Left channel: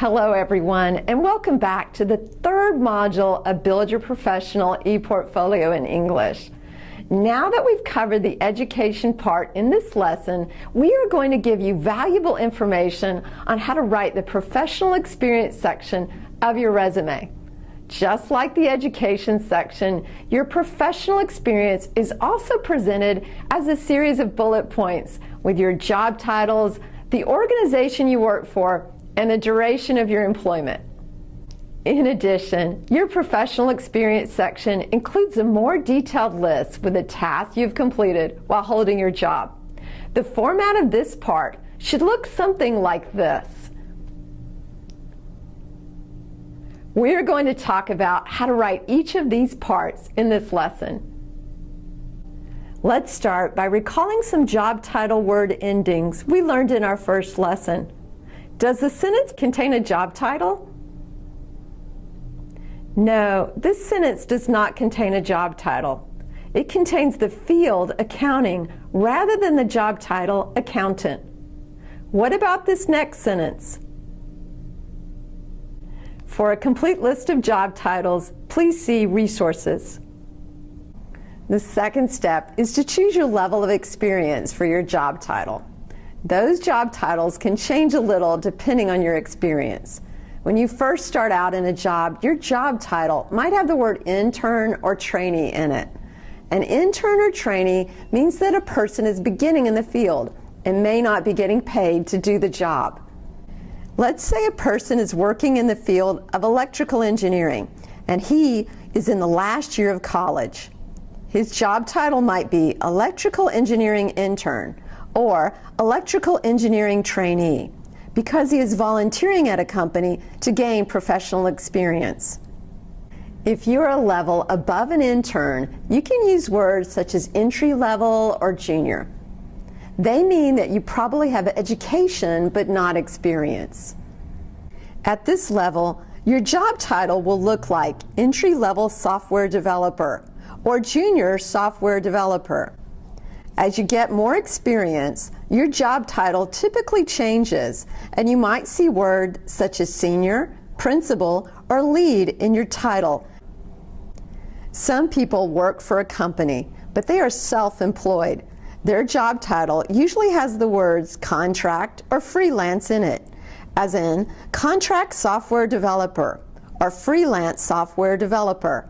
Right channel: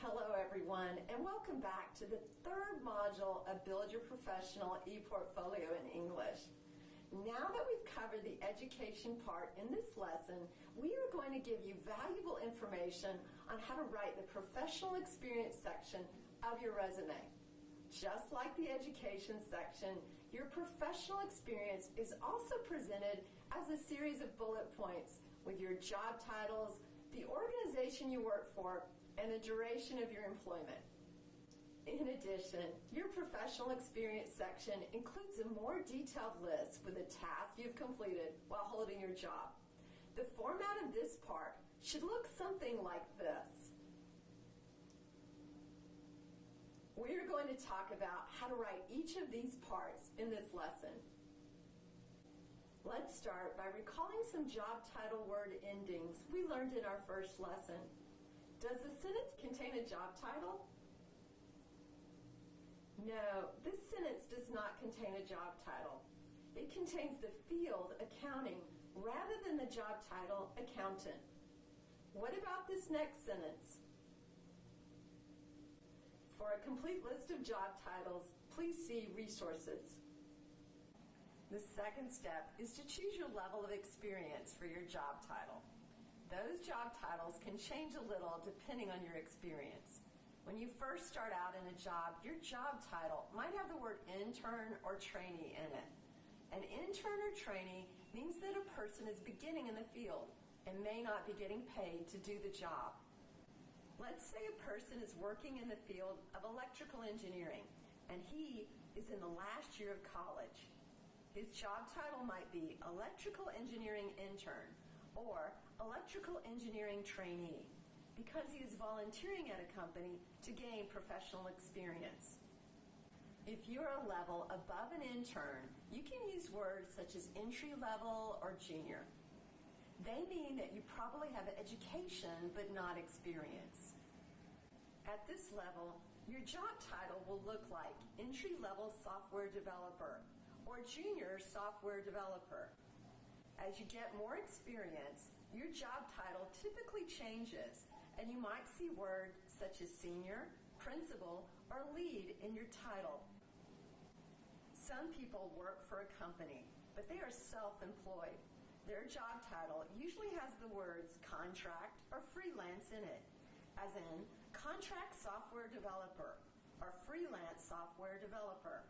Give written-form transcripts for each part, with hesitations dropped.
Hello everyone, and welcome back to the third module of Build Your Professional ePortfolio in English. Now that we've covered the education part in this lesson, we are going to give you valuable information on how to write the professional experience section of your resume. Just like the education section, your professional experience is also presented as a series of bullet points with your job titles, the organization you work for, and the duration of your employment. In addition, your professional experience section includes a more detailed list with the tasks you've completed while holding your job. The format of this part should look something like this. We are going to talk about how to write each of these parts in this lesson. Let's start by recalling some job title word endings we learned in our first lesson. Does the sentence contain a job title? No, this sentence does not contain a job title. It contains the field accounting rather than the job title accountant. What about this next sentence? For a complete list of job titles, please see resources. The second step is to choose your level of experience for your job title. Those job titles can change a little depending on your experience. When you first start out in a job, your job title might have the word intern or trainee in it. An intern or trainee means that a person is beginning in the field and may not be getting paid to do the job. Let's say a person is working in the field of electrical engineering and he is in the last year of college. His job title might be electrical engineering intern or electrical engineering trainee because he is volunteering at a company to gain professional experience. If you're a level above an intern, you can use words such as entry level or junior. They mean that you probably have education but not experience. At this level, your job title will look like entry-level software developer or junior software developer. As you get more experience, your job title typically changes, and you might see words such as senior, principal, or lead in your title. Some people work for a company, but they are self-employed. Their job title usually has the words contract or freelance in it, as in contract software developer or freelance software developer.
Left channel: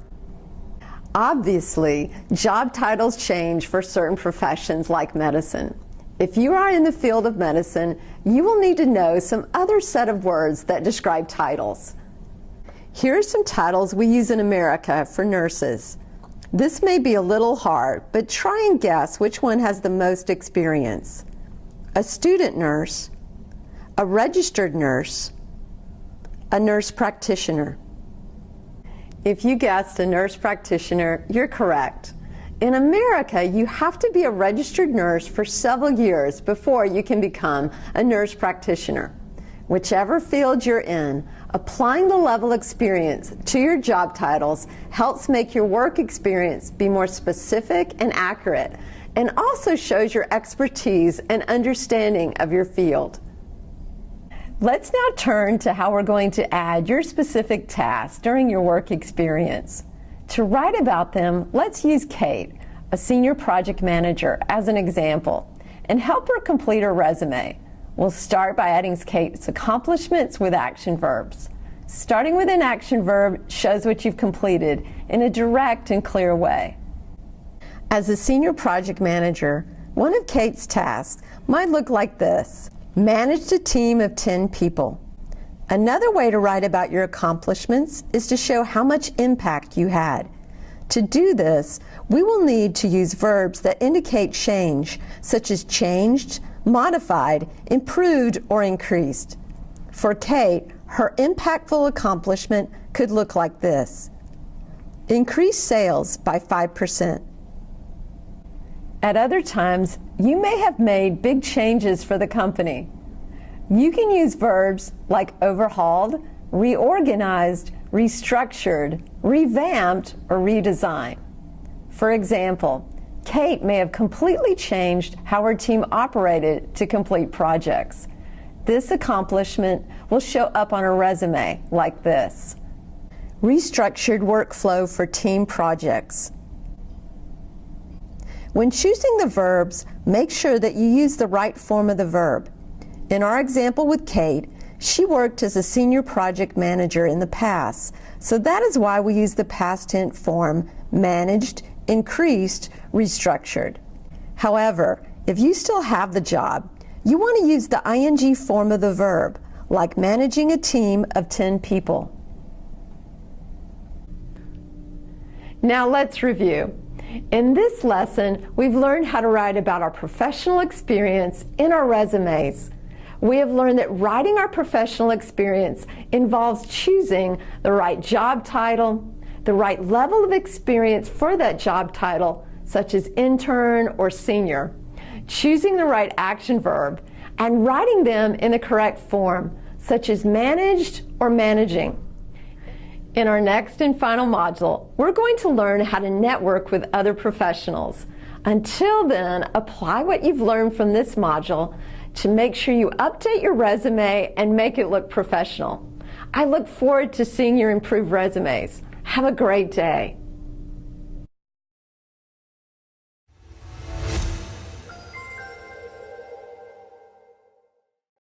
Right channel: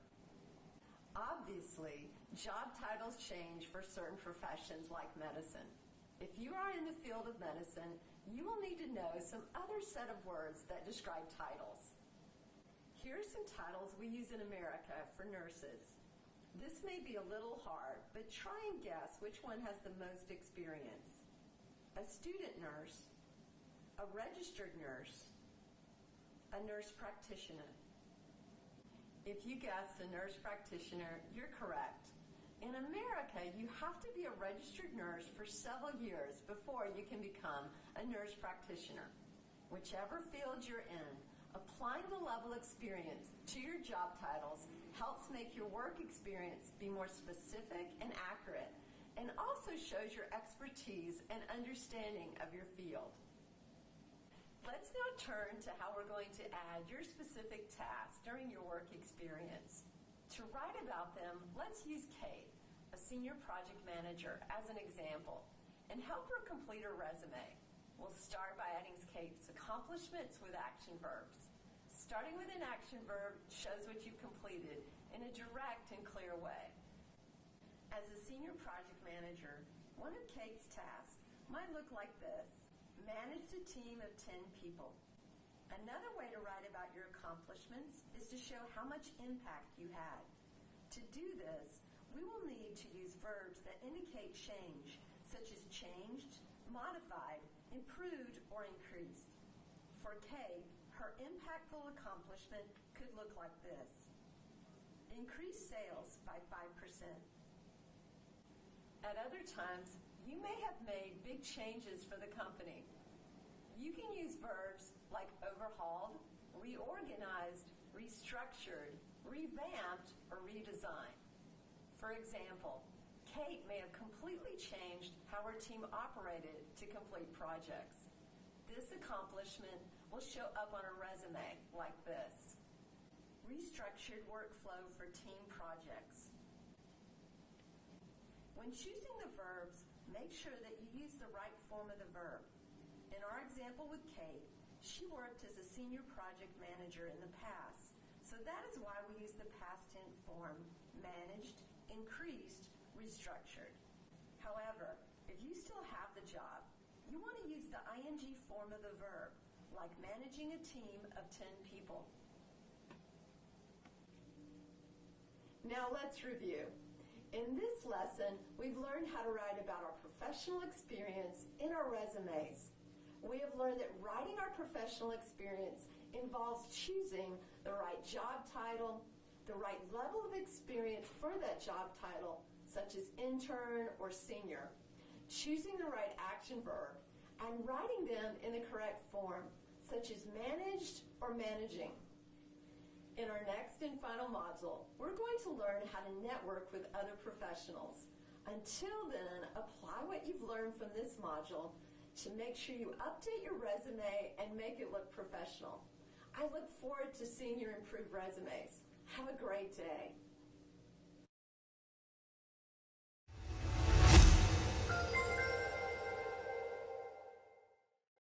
Obviously, job titles change for certain professions like medicine. If you are in the field of medicine, you will need to know some other set of words that describe titles. Here are some titles we use in America for nurses. This may be a little hard, but try and guess which one has the most experience. A student nurse, a registered nurse, a nurse practitioner. If you guessed a nurse practitioner, you're correct. In America, you have to be a registered nurse for several years before you can become a nurse practitioner. Whichever field you're in, applying the level experience to your job titles helps make your work experience be more specific and accurate, and also shows your expertise and understanding of your field. Let's now turn to how we're going to add your specific tasks during your work experience. To write about them, let's use Kate, a senior project manager, as an example, and help her complete her resume. We'll start by adding Kate's accomplishments with action verbs. Starting with an action verb shows what you've completed in a direct and clear way. As a senior project manager, one of Kate's tasks might look like this: managed a team of 10 people. Another way to write about your accomplishments is to show how much impact you had. To do this, we will need to use verbs that indicate change, such as changed, modified, improved, or increased. For Kate, her impactful accomplishment could look like this: increase sales by 5%. At other times, you may have made big changes for the company. You can use verbs like overhauled, reorganized, restructured, revamped, or redesigned. For example, Kate may have completely changed how her team operated to complete projects. This accomplishment will show up on a resume like this. Restructured workflow for team projects. When choosing the verbs, make sure that you use the right form of the verb. In our example with Kate, she worked as a senior project manager in the past, so that is why we use the past tense form managed, increased, restructured. However, if you still have the job, you want to use the ing form of the verb, like managing a team of 10 people. Now let's review. In this lesson, we've learned how to write about our professional experience in our resumes. We have learned that writing our professional experience involves choosing the right job title, the right level of experience for that job title, such as intern or senior, choosing the right action verb, and writing them in the correct form, such as managed or managing. In our next and final module, we're going to learn how to network with other professionals. Until then, apply what you've learned from this module to make sure you update your resume and make it look professional. I look forward to seeing your improved resumes. Have a great day.